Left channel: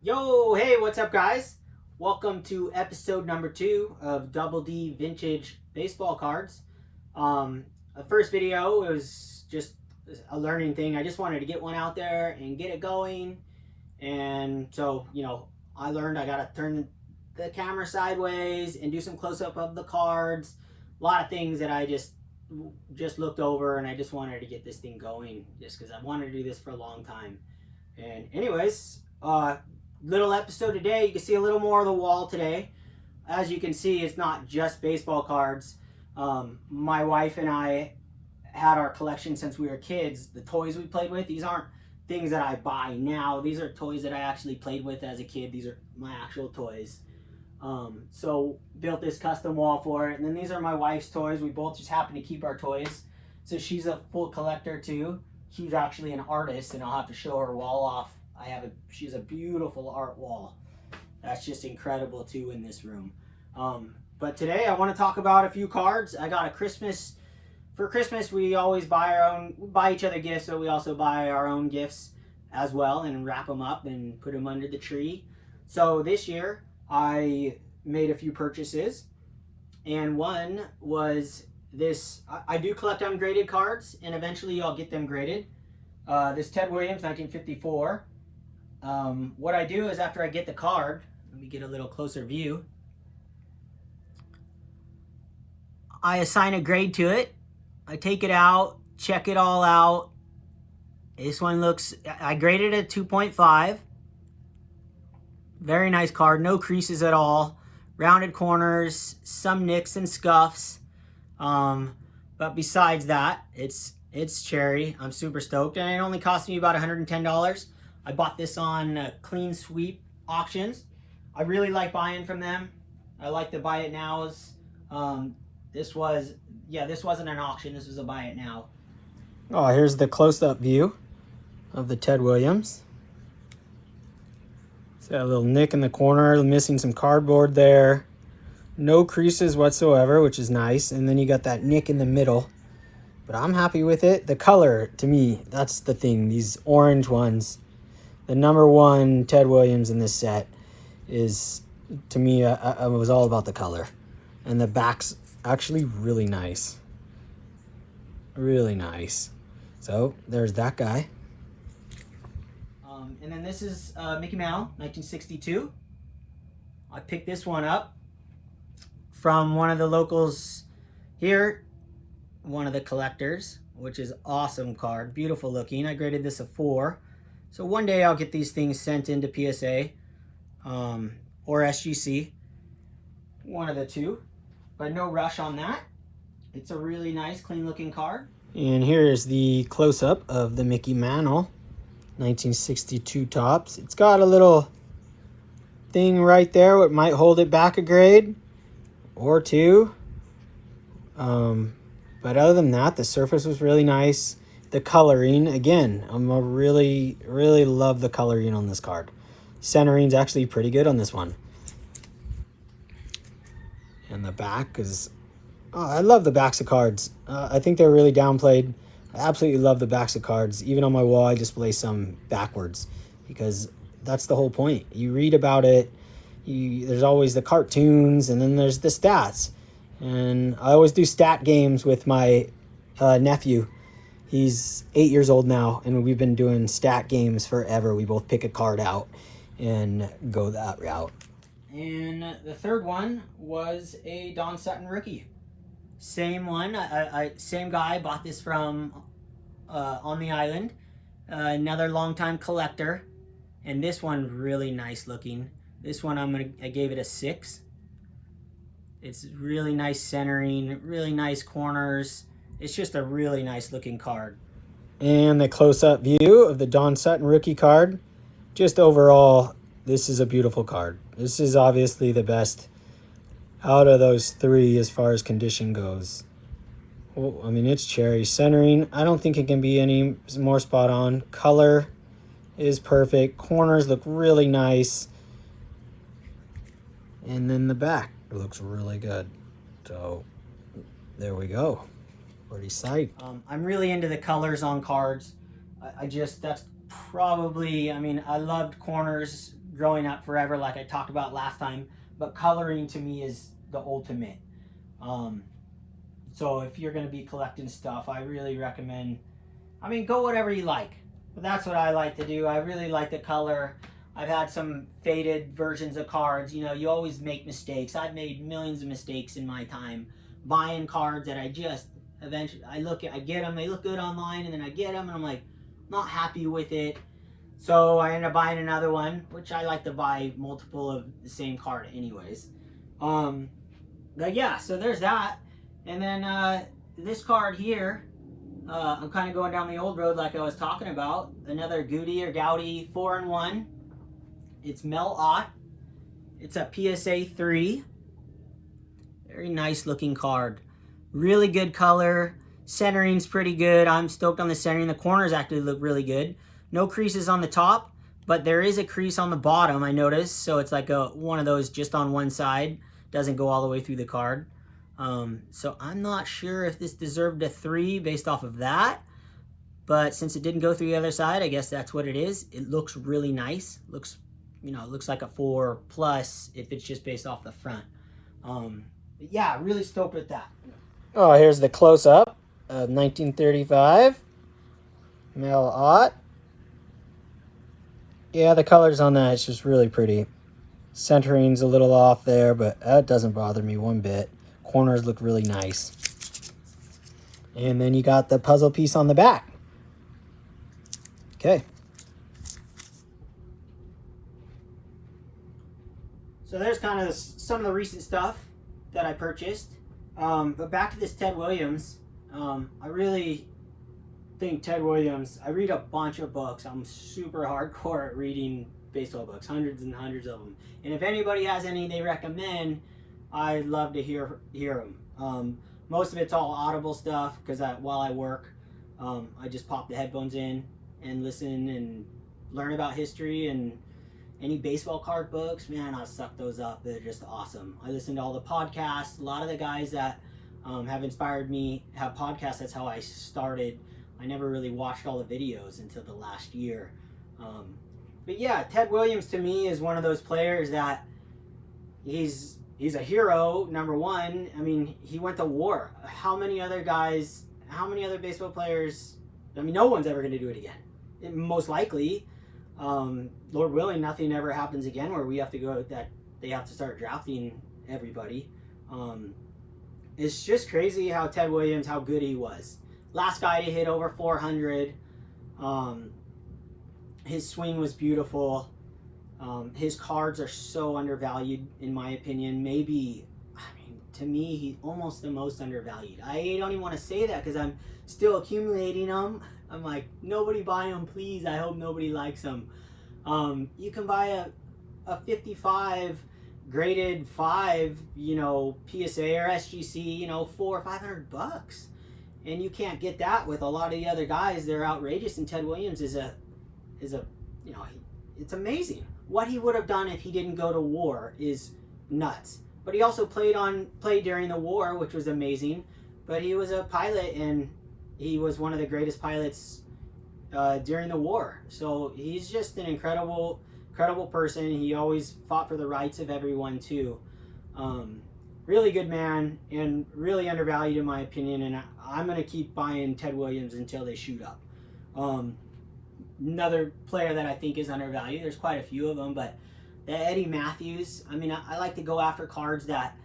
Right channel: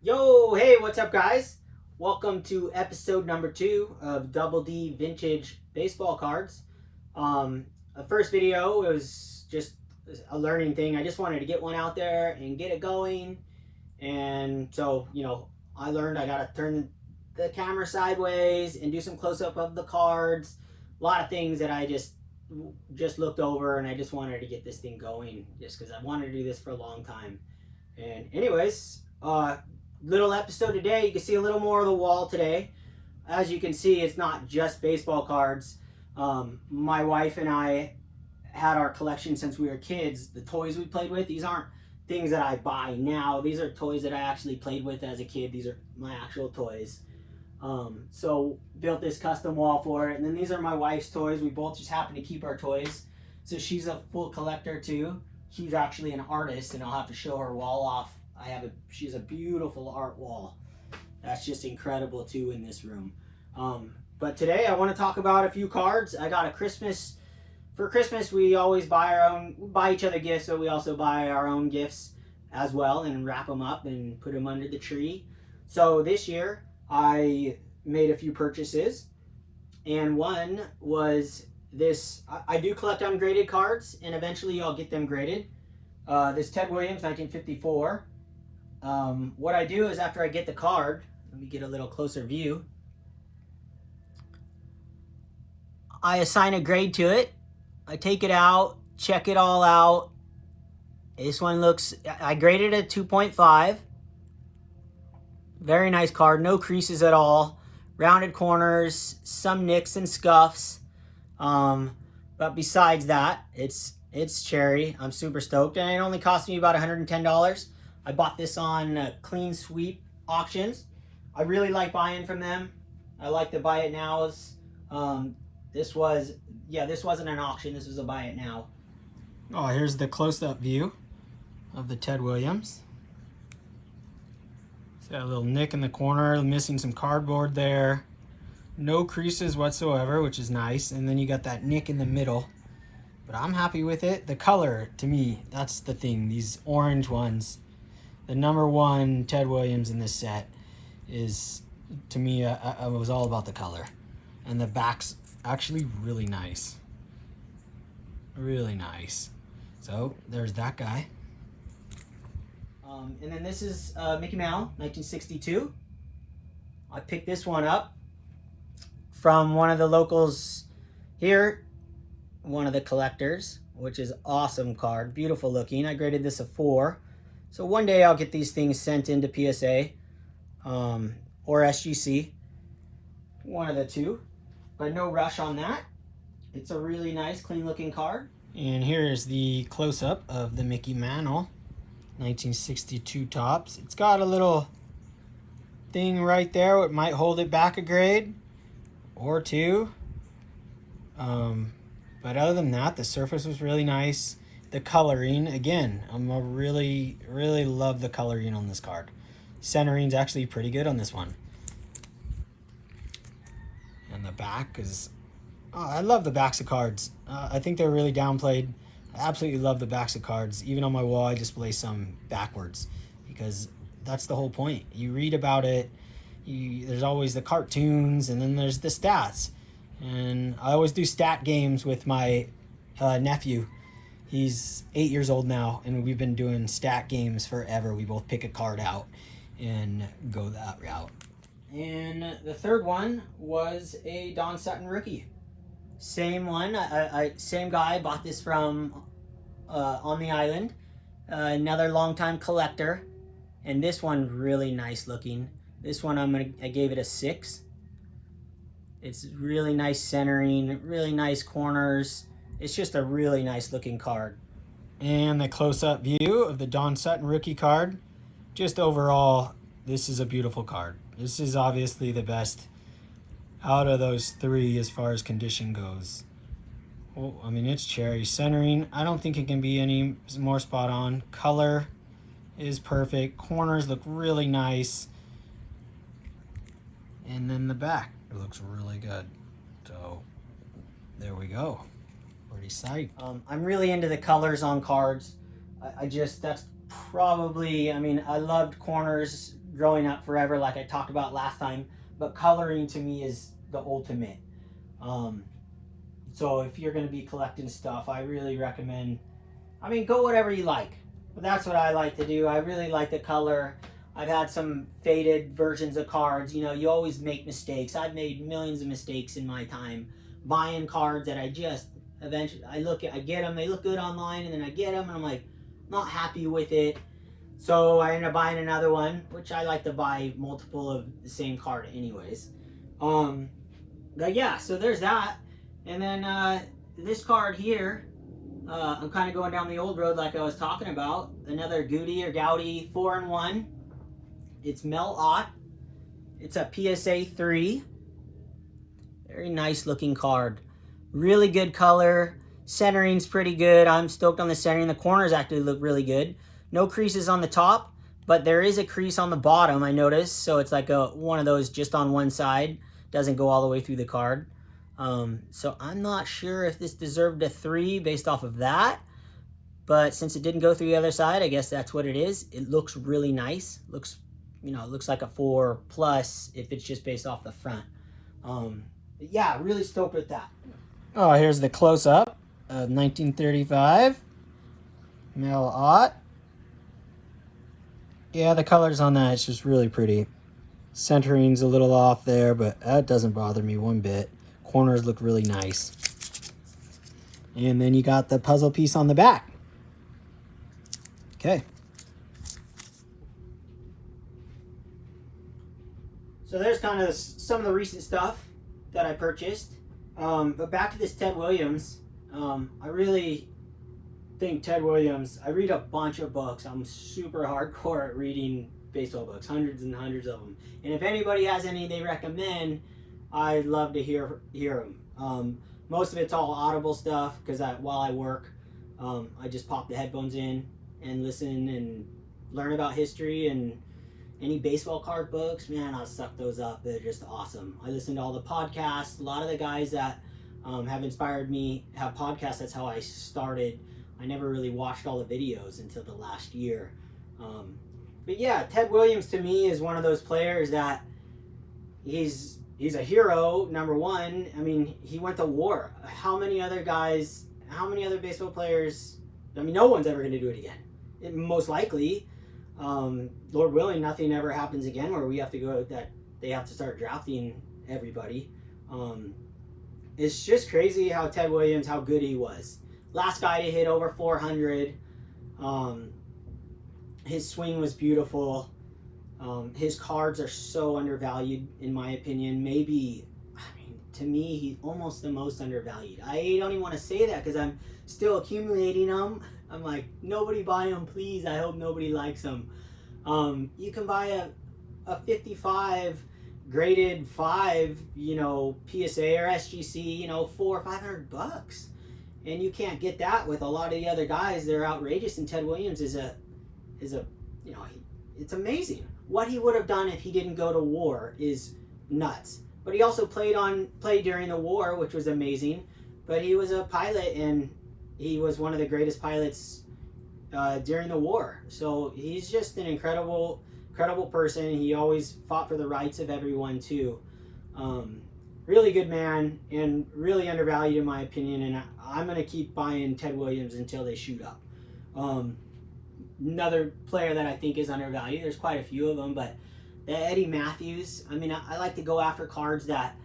Yo, hey, what's up, guys? Welcome to episode number 2 of Double D Vintage Baseball Cards. The first video was just a learning thing. I just wanted to get one out there and get it going. And so, I learned I gotta turn the camera sideways and do some close up of the cards. A lot of things that I just looked over, and I just wanted to get this thing going just because I wanted to do this for a long time. And anyways, little episode today. You can see a little more of the wall today. As you can see, it's not just baseball cards. My wife and I had our collection since we were kids. The toys we played with, these aren't things that I buy now. These are toys that I actually played with as a kid. These are my actual toys. So built this custom wall for it. And then these are my wife's toys. We both just happen to keep our toys. So she's a full collector too. She's actually an artist, and I'll have to show her wall off. She's a beautiful art wall. That's just incredible too in this room. But today I want to talk about a few cards. I got for Christmas we always buy each other gifts, so we also buy our own gifts as well and wrap them up and put them under the tree. So this year I made a few purchases, and one was this. I do collect ungraded cards, and eventually I'll get them graded. This Ted Williams 1954. What I do is after I get the card, let me get a little closer view. I assign a grade to it. I take it out, check it all out. This one I graded it at 2.5. Very nice card, no creases at all. Rounded corners, some nicks and scuffs. But besides that, it's cherry. I'm super stoked, and it only cost me about $110. I bought this on Clean Sweep auctions. I really like buying from them. I like the buy it nows. This wasn't an auction. This was a buy it now. Oh, here's the close-up view of the Ted Williams. It's got a little nick in the corner, missing some cardboard there. No creases whatsoever, which is nice. And then you got that nick in the middle. But I'm happy with it. The color, to me, that's the thing. These orange ones. The number one Ted Williams in this set is, to me, I was all about the color. And the back's actually really nice. Really nice. So, there's that guy. And then this is Mickey Mantle, 1962. I picked this one up from one of the locals here. One of the collectors, which is awesome card. Beautiful looking. I graded this a 4. So one day I'll get these things sent into PSA or SGC. One of the two. But no rush on that. It's a really nice, clean looking card. And here is the close-up of the Mickey Mantle 1962 tops. It's got a little thing right there. It might hold it back a grade or two. But other than that, the surface was really nice. The coloring, again, really love the coloring on this card. Centering's actually pretty good on this one. And the back is, I love the backs of cards. I think they're really downplayed. I absolutely love the backs of cards. Even on my wall, I display some backwards because that's the whole point. You read about it, there's always the cartoons, and then there's the stats. And I always do stat games with my nephew. He's 8 years old now, and we've been doing stat games forever. We both pick a card out and go that route. And the third one was a Don Sutton rookie. Same one. Same guy. Bought this from on the island. Another longtime collector. And this one really nice looking. This one I gave it a 6. It's really nice centering, really nice corners. It's just a really nice looking card. And the close-up view of the Don Sutton rookie card. Just overall, this is a beautiful card. This is obviously the best out of those 3 as far as condition goes. Well, I mean, it's cherry. Centering, I don't think it can be any more spot on. Color is perfect. Corners look really nice. And then the back. It looks really good. So there we go. Pretty psyched. I'm really into the colors on cards. That's probably, I loved corners growing up forever, like I talked about last time. But coloring to me is the ultimate. So if you're going to be collecting stuff, I really recommend, I mean, go whatever you like. But that's what I like to do. I really like the color. I've had some faded versions of cards. You know, you always make mistakes. I've made millions of mistakes in my time buying cards that I just eventually, I get them, they look good online, and then I get them and I'm like, not happy with it. So I end up buying another one, which I like to buy multiple of the same card anyways. But yeah, so there's that. And then this card here, I'm kind of going down the old road like I was talking about. Another Goody or Goudy 4-in-1. It's Mel Ott. It's a PSA 3. Very nice looking card. Really good color. Centering's pretty good. I'm stoked on the centering. The corners actually look really good. No creases on the top, but there is a crease on the bottom, I noticed. So it's like one of those just on one side. Doesn't go all the way through the card. So I'm not sure if this deserved a 3 based off of that. But since it didn't go through the other side, I guess that's what it is. It looks really nice. Looks, you know, it looks like a 4+ if it's just based off the front. But yeah, really stoked with that. Oh, here's the close-up of 1935. Mel Ott. Yeah, the colors on that, it's just really pretty. Centering's a little off there, but that doesn't bother me one bit. Corners look really nice. And then you got the puzzle piece on the back. Okay. So there's kind of some of the recent stuff that I purchased. But back to this Ted Williams. I really think Ted Williams, I read a bunch of books. I'm super hardcore at reading baseball books, hundreds and hundreds of them. And if anybody has any they recommend, I'd love to hear them. Most of it's all audible stuff because while I work, I just pop the headphones in and listen and learn about history and any baseball card books. Man, I suck those up. They're just awesome. I listen to all the podcasts. A lot of the guys that have inspired me have podcasts. That's how I started. I never really watched all the videos until the last year. But yeah, Ted Williams to me is one of those players that he's a hero, number one. I mean, he went to war. How many other baseball players, I mean, no one's ever going to do it again. Most likely, Lord willing, nothing ever happens again where we have to go, that they have to start drafting everybody. It's just crazy how Ted Williams, how good he was. Last guy to hit over 400. His swing was beautiful. His cards are so undervalued, in my opinion. Maybe, I mean, to me, he's almost the most undervalued. I don't even want to say that because I'm still accumulating them. I'm like, nobody buy them, please. I hope nobody likes them. You can buy a 55 graded 5, you know, PSA or SGC, you know, $400 or $500. And you can't get that with a lot of the other guys. They're outrageous. And Ted Williams is a, you know, it's amazing. What he would have done if he didn't go to war is nuts. But he also played during the war, which was amazing. But he was a pilot, and he was one of the greatest pilots during the war. So he's just an incredible person. He always fought for the rights of everyone too. Really good man and really undervalued in my opinion. And I'm gonna keep buying Ted Williams until they shoot up. Another player that I think is undervalued, there's quite a few of them, but the Eddie Matthews, I mean, I like to go after cards that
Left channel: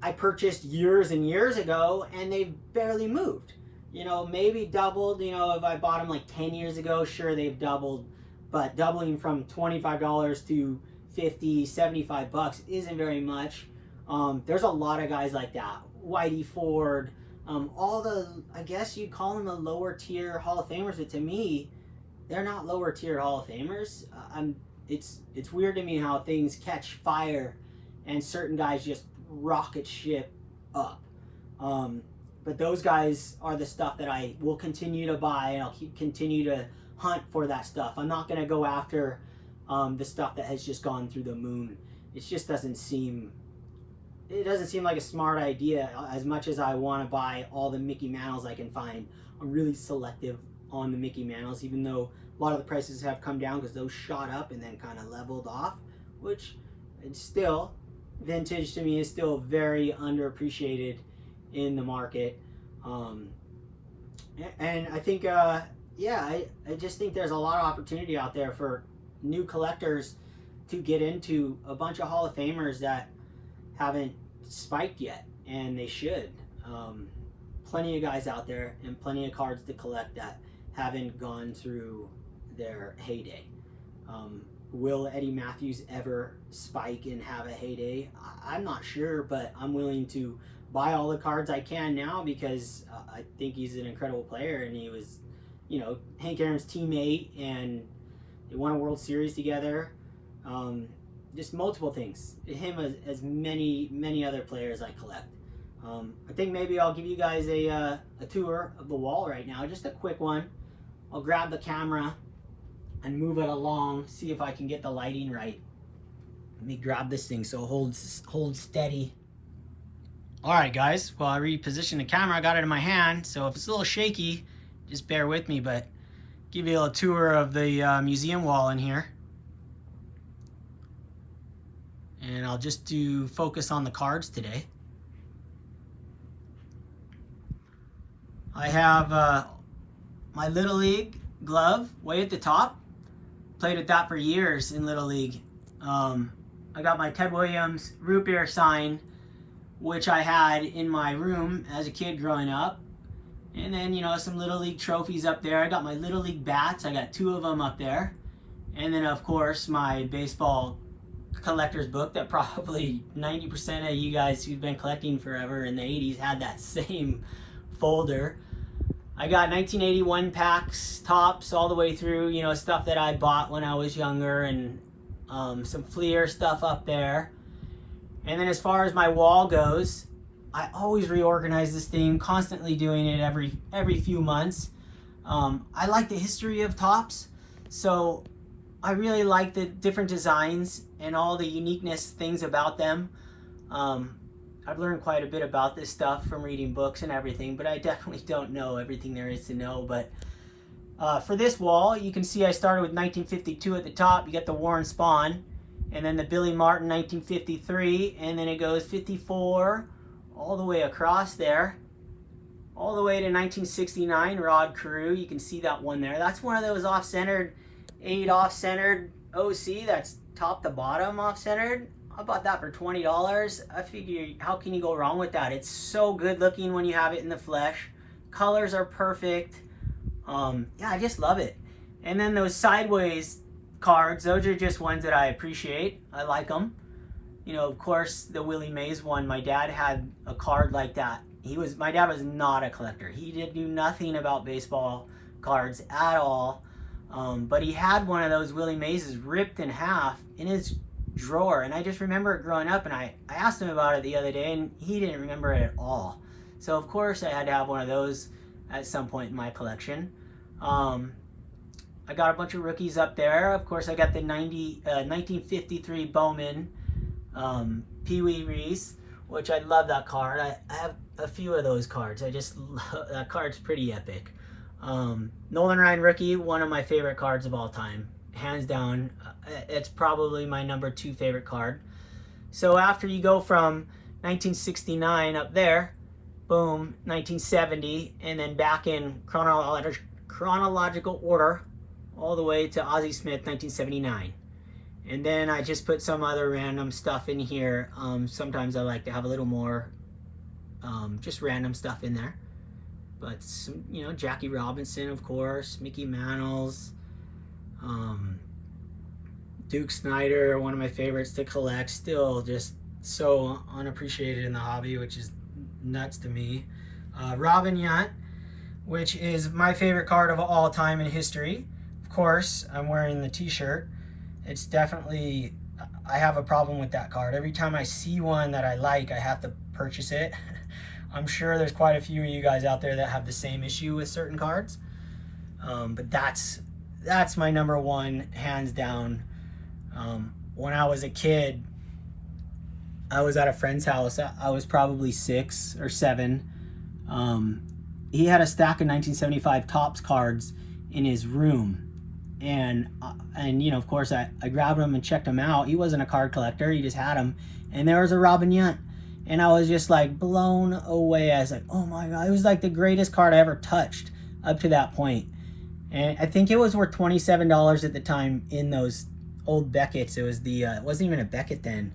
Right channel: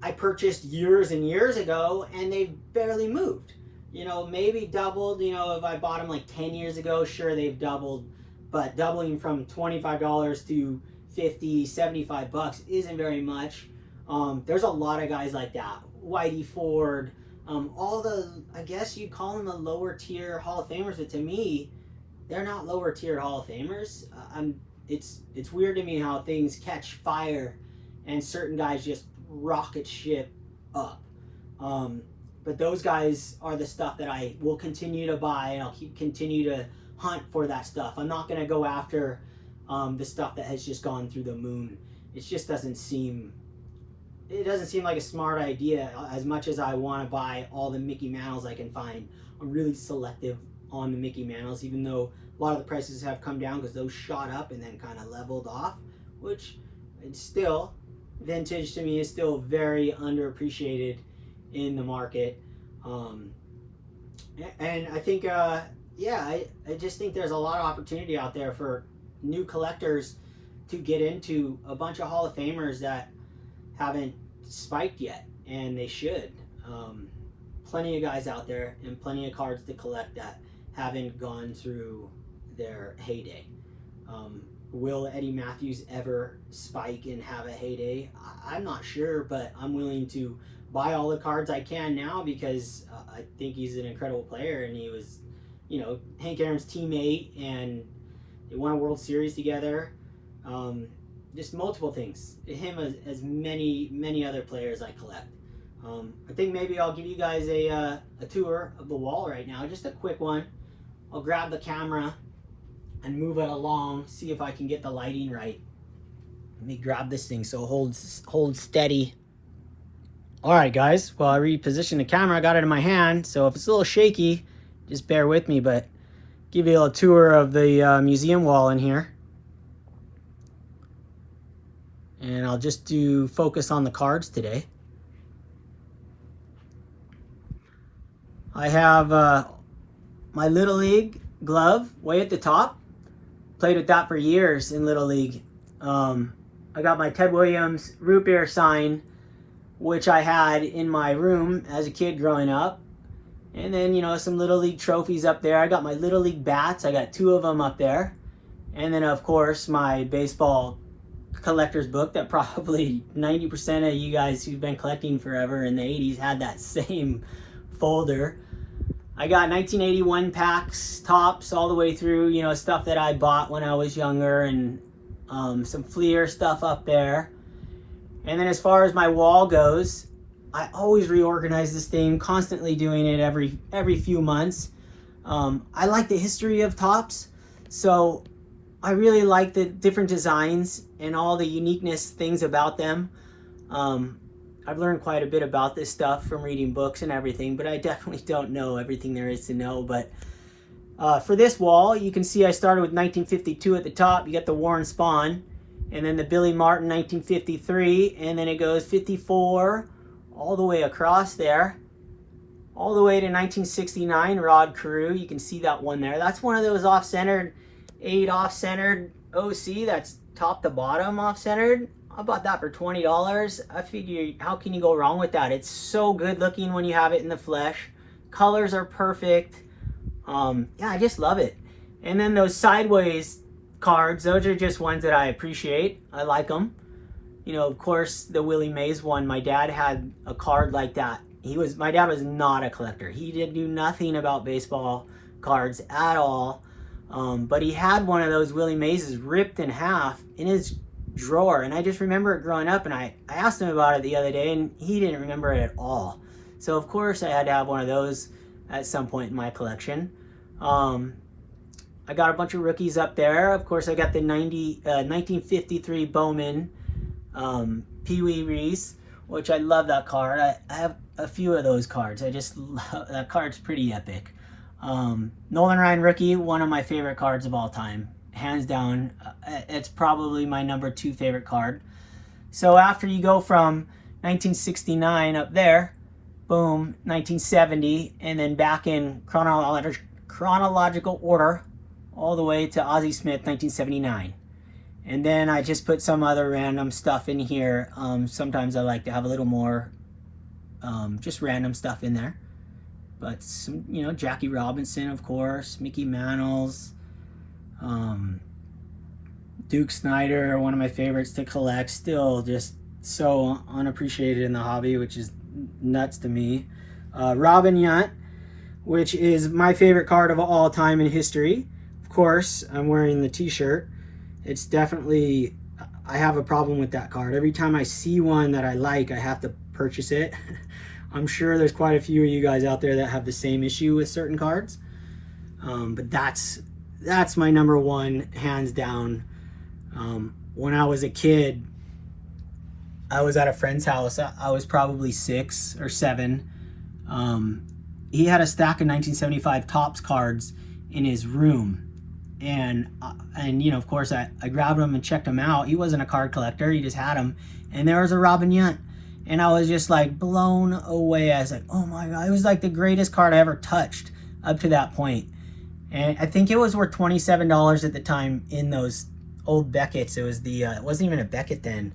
I purchased years and years ago and they've barely moved. You know, maybe doubled, you know, if I bought them like 10 years ago, sure, they've doubled, but doubling from $25 to $50, $75 isn't very much. There's a lot of guys like that. Whitey Ford, all the, I guess you'd call them the lower tier Hall of Famers, but to me, they're not lower tier Hall of Famers. It's weird to me how things catch fire and certain guys just rocket ship up. But those guys are the stuff that I will continue to buy, and I'll continue to hunt for that stuff. I'm not going to go after the stuff that has just gone through the moon. It just doesn't seem like a smart idea. As much as I want to buy all the Mickey Mantles I can find, I'm really selective on the Mickey Mantles, even though a lot of the prices have come down because those shot up and then kind of leveled off, which it's still, vintage to me is still very underappreciated in the market. And I think, yeah, I just think there's a lot of opportunity out there for new collectors to get into a bunch of Hall of Famers that haven't spiked yet, and they should. Plenty of guys out there and plenty of cards to collect that haven't gone through their heyday. Will Eddie Matthews ever spike and have a heyday? I'm not sure, but I'm willing to buy all the cards I can now because I think he's an incredible player, and he was, you know, Hank Aaron's teammate, and they won a World Series together. Just multiple things. Him as many other players I collect. I think maybe I'll give you guys a tour of the wall right now, just a quick one. I'll grab the camera and move it along, see if I can get the lighting right. Let me grab this thing so it holds steady. All right, guys. Well, I repositioned the camera. I got it in my hand, so if it's a little shaky, just bear with me. But give you a little tour of the museum wall in here. And I'll just do focus on the cards today. I have my Little League glove way at the top. Played with that for years in Little League. I got my Ted Williams root beer sign, which I had in my room as a kid growing up. And then, you know, some Little League trophies up there. I got my Little League bats. I got 2 of them up there. And then, of course, my baseball collector's book that probably 90% of you guys who've been collecting forever in the 80s had that same folder. I got 1981 packs, tops, all the way through, you know, stuff that I bought when I was younger, and some Fleer stuff up there. And then as far as my wall goes, I always reorganize this thing, constantly doing it every few months. I like the history of tops, so I really like the different designs and all the uniqueness things about them. I've learned quite a bit about this stuff from reading books and everything, but I definitely don't know everything there is to know. But for this wall, you can see I started with 1952 at the top. You got the Warren Spahn, and then the Billy Martin 1953, and then it goes 54 all the way across there, all the way to 1969 Rod Carew. You can see that one there. That's one of those off-centered, 8 off-centered OC. That's top to bottom off-centered. I bought that for $20. I figure, how can you go wrong with that? It's so good looking when you have it in the flesh. Colors are perfect. Yeah, I just love it. And then those sideways cards, those are just ones that I appreciate. I like them. You know, of course, the Willie Mays one, my dad had a card like that. My dad was not a collector. He didn't do nothing about baseball cards at all. But he had one of those Willie Mays ripped in half in his drawer, and I just remember it growing up, and I asked him about it the other day, and he didn't remember it at all. So of course I had to have one of those at some point in my collection. I got a bunch of rookies up there. Of course I got the 1953 Bowman Pee Wee Reese, which I love that card. I have a few of those cards. I just love that card's pretty epic. Nolan Ryan rookie, one of my favorite cards of all time. Hands down, it's probably my #2 favorite card. So after you go from 1969 up there, boom, 1970, and then back in chronological order, all the way to Ozzie Smith, 1979. And then I just put some other random stuff in here. Sometimes I like to have a little more just random stuff in there. But some, you know, Jackie Robinson, of course, Mickey Mantles, Duke Snider, one of my favorites to collect, still just so unappreciated in the hobby, which is nuts to me. Robin Yount, which is my favorite card of all time in history. Of course, I'm wearing the t-shirt. It's definitely, I have a problem with that card. Every time I see one that I like, I have to purchase it. I'm sure there's quite a few of you guys out there that have the same issue with certain cards. But that's my #1, hands down. When I was a kid, I was at a friend's house. I was probably 6 or 7. he had a stack of 1975 Topps cards in his room. And you know, of course, I grabbed him and checked him out. He wasn't a card collector. He just had them. And there was a Robin Yount. And I was just like blown away. I was like, oh my God. It was like the greatest card I ever touched up to that point. And I think it was worth $27 at the time in those old Beckett's. It was the, it wasn't even a Beckett then.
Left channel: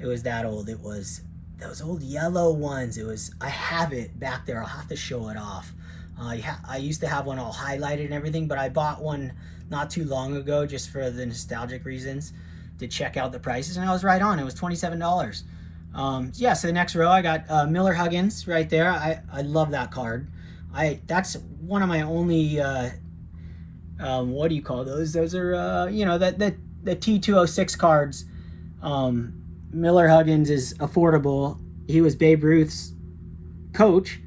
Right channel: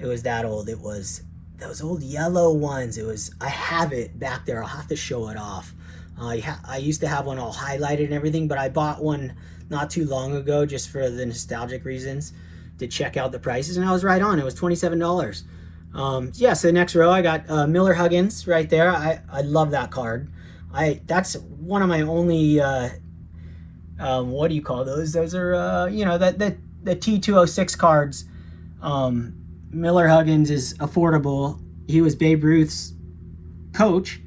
It was that old. It was those old yellow ones. It was, I have it back there. I'll have to show it off. I used to have one all highlighted and everything, but I bought one not too long ago just for the nostalgic reasons to check out the prices, and I was right on. It was $27. Yeah, so the next row I got Miller Huggins right there. I love that card. That's one of my only what do you call those? Those are you know, the T206 cards. Miller Huggins is affordable. He was Babe Ruth's coach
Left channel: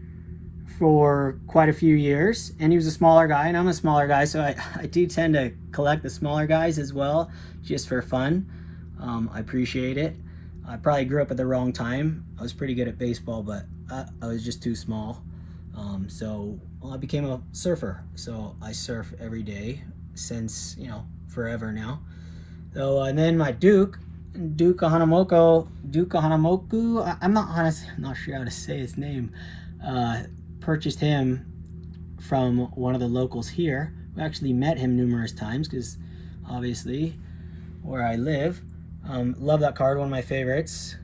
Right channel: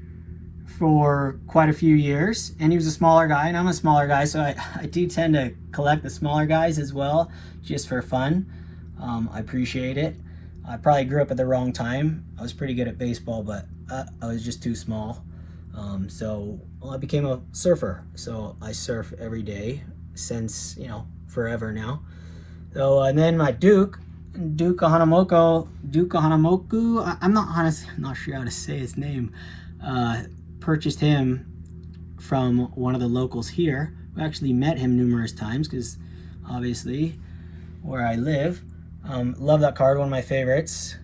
for quite a few years, and he was a smaller guy, and I'm a smaller guy, so I do tend to collect the smaller guys as well, just for fun. I appreciate it. I probably grew up at the wrong time. I was pretty good at baseball, but I was just too small. So I became a surfer, so I surf every day since, you know, forever now. So and then my Duke Kahanamoku, I'm not sure how to say his name. Purchased him from one of the locals here. We actually met him numerous times because obviously where I live. Love that card, one of my favorites.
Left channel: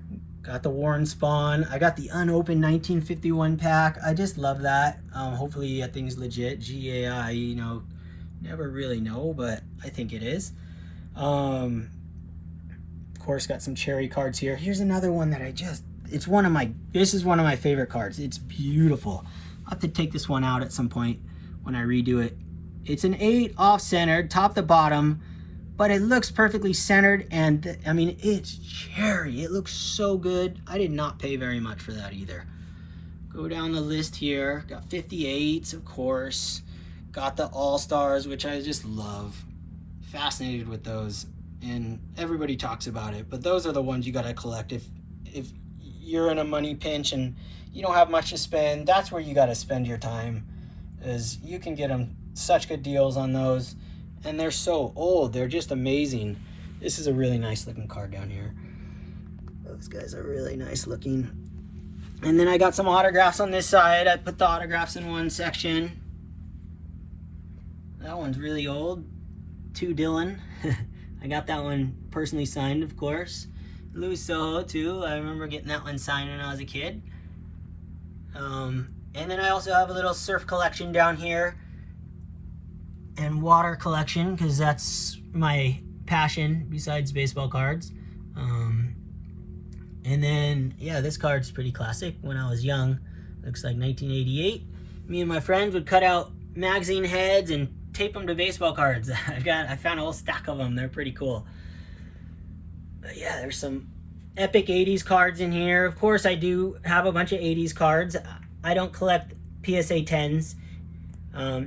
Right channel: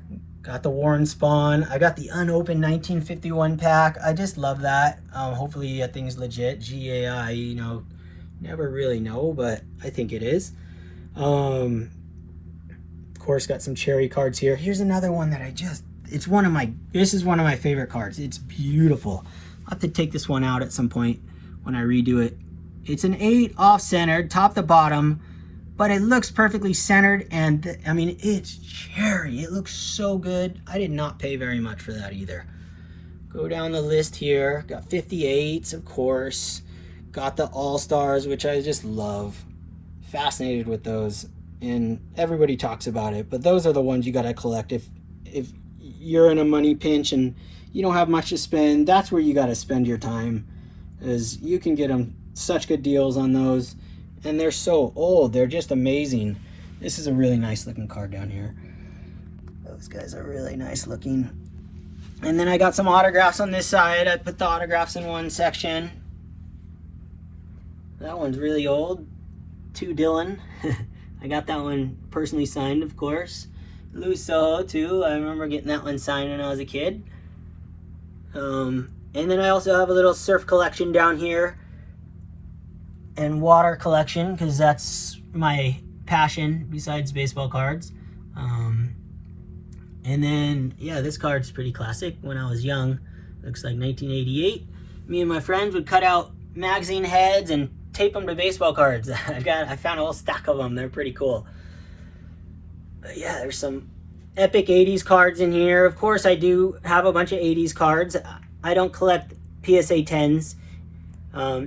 Got the Warren Spawn. I got the unopened 1951 pack. I just love that. Hopefully that thing's legit. GAI, you know, never really know, but I think it is. Of course, got some cherry cards here. Here's another one that this is one of my favorite cards. It's beautiful. I'll have to take this one out at some point when I redo it. It's an 8 off-centered, top to bottom, but it looks perfectly centered, and I mean, it's cherry. It looks so good. I did not pay very much for that either. Go down the list here. Got 58s, of course. Got the All-Stars, which I just love. Fascinated with those, and everybody talks about it, but those are the ones you gotta collect if you're in a money pinch and you don't have much to spend. That's where you got to spend your time, is you can get them such good deals on those, and they're so old. They're just amazing. This is a really nice looking card down here. Those guys are really nice looking. And then I got some autographs on this side. I put the autographs in one section. That one's really old. To Dylan. I got that one personally signed, of course. Louis Soho too. I remember getting that one signed when I was a kid. And then I also have a little surf collection down here and water collection, because that's my passion besides baseball cards. And then, yeah, this card's pretty classic. When I was young, looks like 1988. Me and my friends would cut out magazine heads and tape them to baseball cards. I found a whole stack of them. They're pretty cool. But yeah, there's some epic 80s cards in here. Of course, I do have a bunch of 80s cards. I don't collect PSA 10s.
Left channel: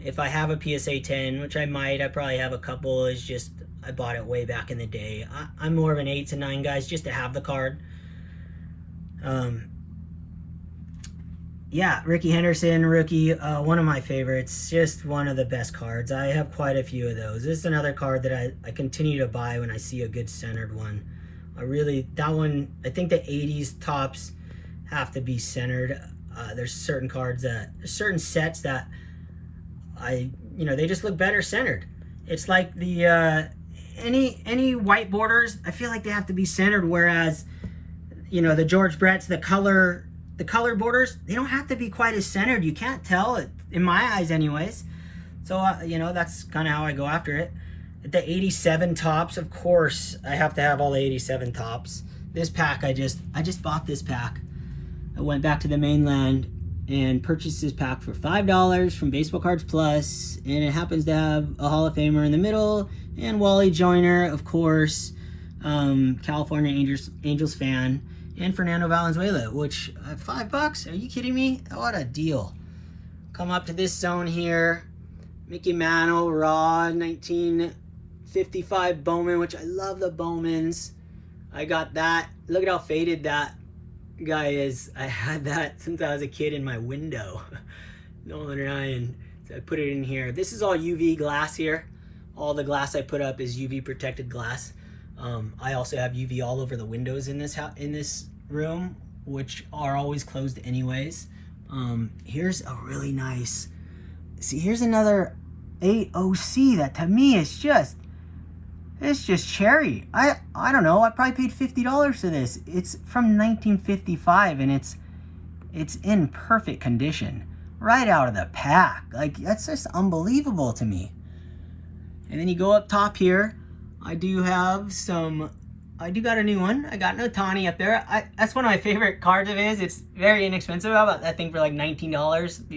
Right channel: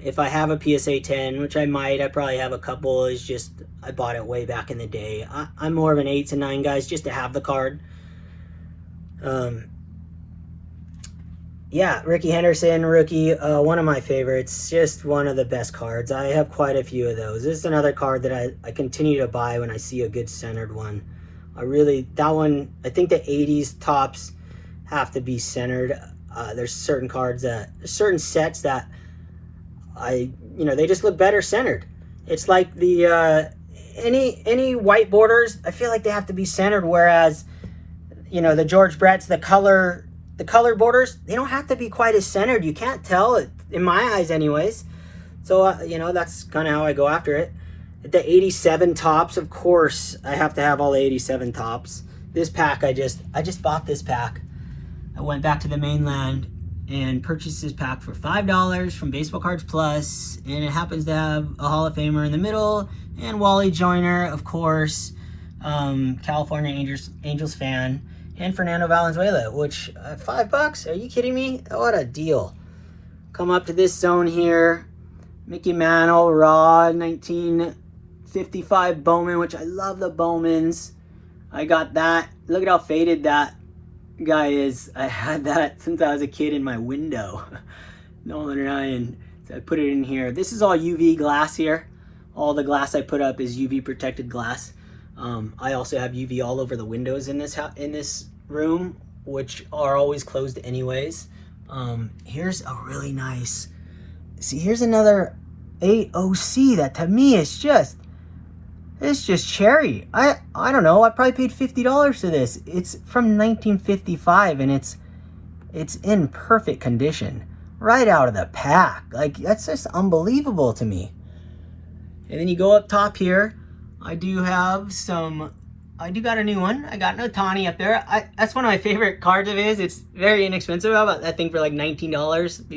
If I have a PSA 10, which I might, I probably have a couple. It's just, I bought it way back in the day. I'm more of an 8s and 9 guys just to have the card. Yeah, Ricky Henderson, rookie, one of my favorites. Just one of the best cards. I have quite a few of those. This is another card that I continue to buy when I see a good centered one. That one, I think the 80s tops have to be centered. There's certain certain sets that they just look better centered. It's like the, any white borders, I feel like they have to be centered, whereas, the George Brett's, the color borders, they don't have to be quite as centered. You can't tell it, in my eyes anyways. So, that's kind of how I go after it. The 87 tops, of course, I have to have all the 87 tops. This pack, I just bought this pack. I went back to the mainland and purchased this pack for $5 from Baseball Cards Plus, and it happens to have a Hall of Famer in the middle, and Wally Joyner, of course, California Angels fan, and Fernando Valenzuela, which, $5? Are you kidding me? What a deal. Come up to this zone here. Mickey Mantle, raw, 1955 Bowman, which I love the Bowmans. I got that. Look at how faded that guy is. I had that since I was a kid in my window. Nolan and I, and so I put it in here. This is all UV glass here. All the glass I put up is UV protected glass. I also have UV all over the windows in this room, which are always closed anyways. Here's a really nice, see, here's another AOC that to me is just, it's just cherry. I don't know, I probably paid $50 for this. It's from 1955 and it's in perfect condition. Right out of the pack. Like, that's just unbelievable to me. And then you go up top here. I do got a new one. I got an Otani up there. That's one of my favorite cards of his. It's very inexpensive. I bought that thing for like $19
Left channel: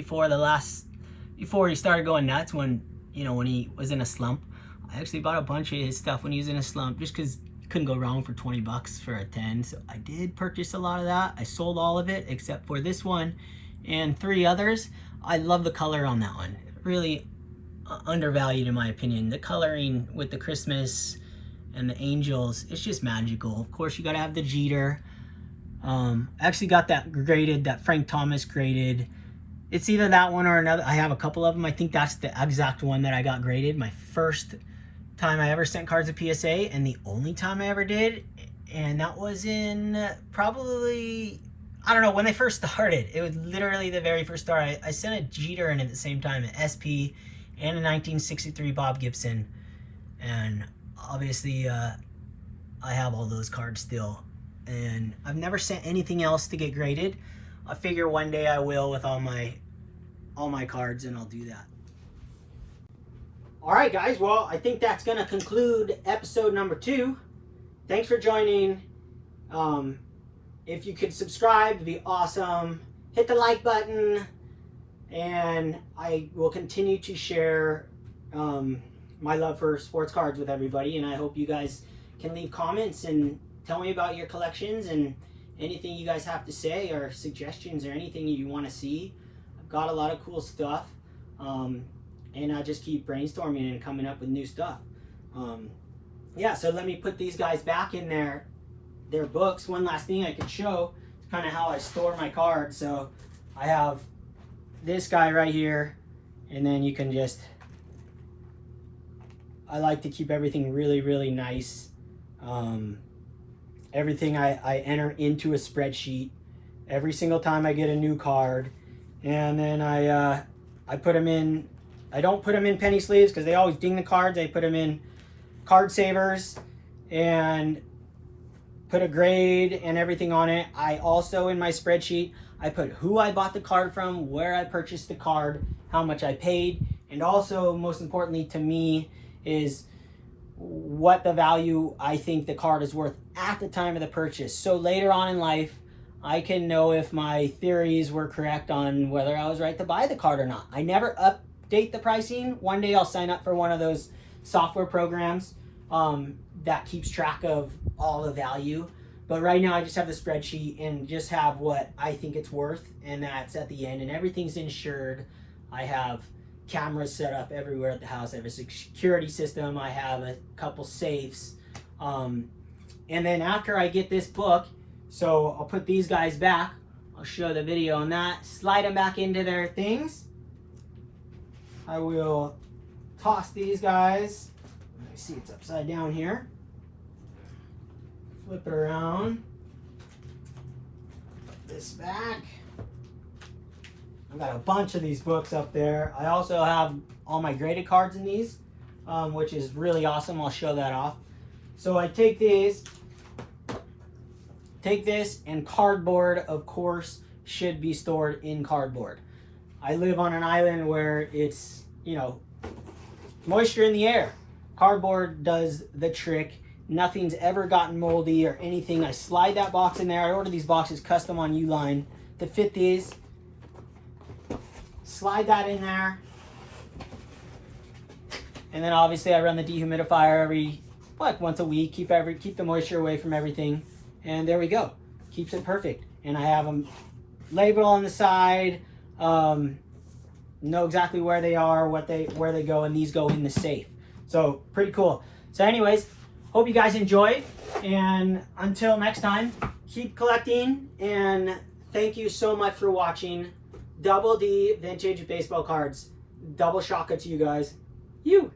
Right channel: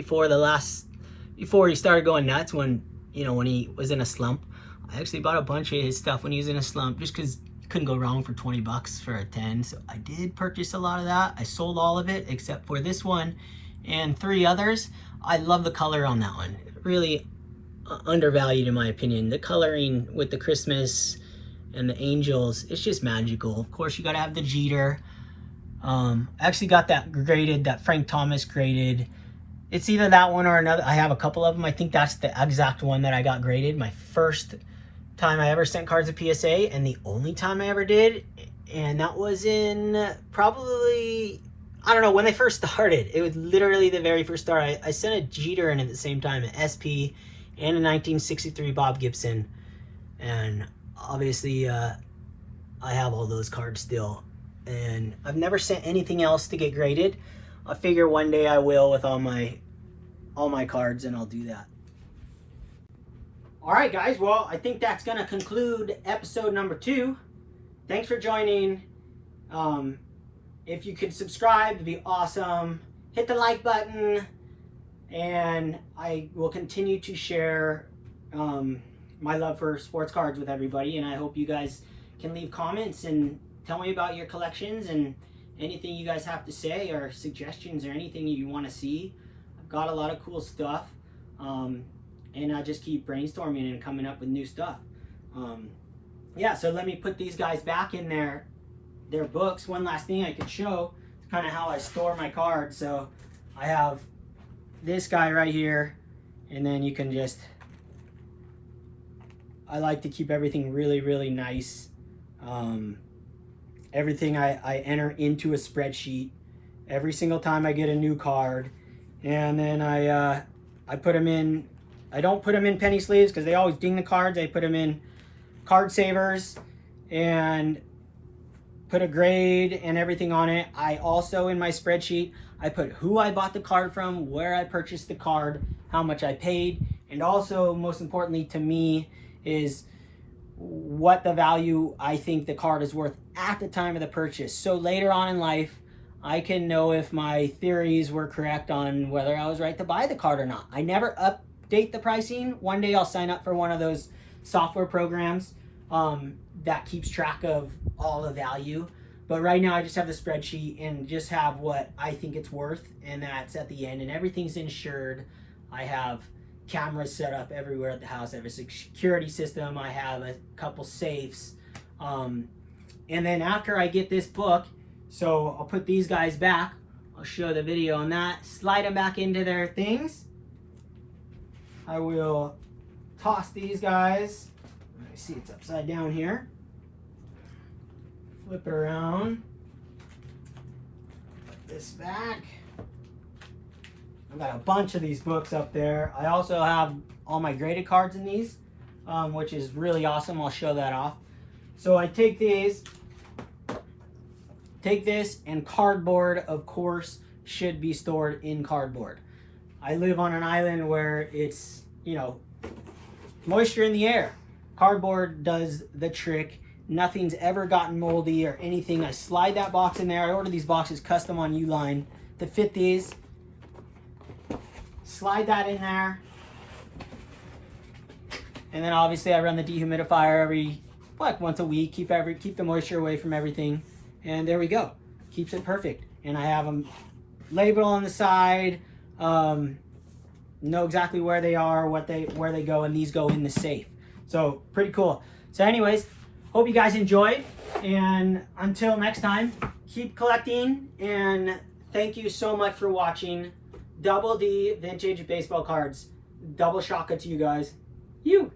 before he started going nuts, when he was in a slump. I actually bought a bunch of his stuff when he was in a slump, just because you couldn't go wrong for 20 bucks for a 10. So I did purchase a lot of that. I sold all of it except for this one and 3 others. I love the color on that one. Really undervalued in my opinion. The coloring with the Christmas and the angels, it's just magical. Of course, you gotta have the Jeter. I actually got that graded, that Frank Thomas graded. It's either that one or another. I have a couple of them. I think that's the exact one that I got graded. My first time I ever sent cards to PSA, and the only time I ever did. And that was in probably, I don't know, when they first started. It was literally the very first start. I sent a Jeter in at the same time, an SP and a 1963 Bob Gibson. And obviously, I have all those cards still. And I've never sent anything else to get graded. I figure one day I will with all my cards, and I'll do that. All right, guys. Well, I think that's going to conclude episode number 2. Thanks for joining. If you could subscribe, it'd be awesome. Hit the like button, and I will continue to share my love for sports cards with everybody. And I hope you guys can leave comments and tell me about your collections and anything you guys have to say, or suggestions, or anything you want to see. I've got a lot of cool stuff, and I just keep brainstorming and coming up with new stuff. Yeah, so let me put these guys back in their books. One last thing I could show is kind of how I store my cards. So I have this guy right here, and then you can just, I like to keep everything really, really nice. Everything I enter into a spreadsheet every single time I get a new card, and then I put them in. I don't put them in penny sleeves because they always ding the cards. I put them in card savers and put a grade and everything on it. I also, in my spreadsheet, I put who I bought the card from, where I purchased the card, how much I paid, and also, most importantly to me, is what the value I think the card is worth at the time of the purchase. So later on in life, I can know if my theories were correct on whether I was right to buy the card or not. I never update the pricing. One day I'll sign up for one of those software programs that keeps track of all the value. But right now I just have the spreadsheet and just have what I think it's worth, and that's at the end, and everything's insured. I have cameras set up everywhere at the house. I have a security system. I have a couple safes. And then after I get this book, so I'll put these guys back. I'll show the video on that. Slide them back into their things. I will toss these guys. Let me see, it's upside down here. Flip it around. Put this back. I've got a bunch of these books up there. I also have all my graded cards in these, which is really awesome. I'll show that off. So I take this, and cardboard, of course, should be stored in cardboard. I live on an island where it's, moisture in the air. Cardboard does the trick. Nothing's ever gotten moldy or anything. I slide that box in there. I order these boxes custom on Uline to fit these. Slide that in there, and then obviously I run the dehumidifier once a week. Keep the moisture away from everything, and there we go. Keeps it perfect. And I have them labeled on the side, know exactly where they are, where they go, and these go in the safe. So pretty cool. So anyways, hope you guys enjoyed, and until next time, keep collecting, and thank you so much for watching. Double D vintage baseball cards. Double shaka to you guys. You.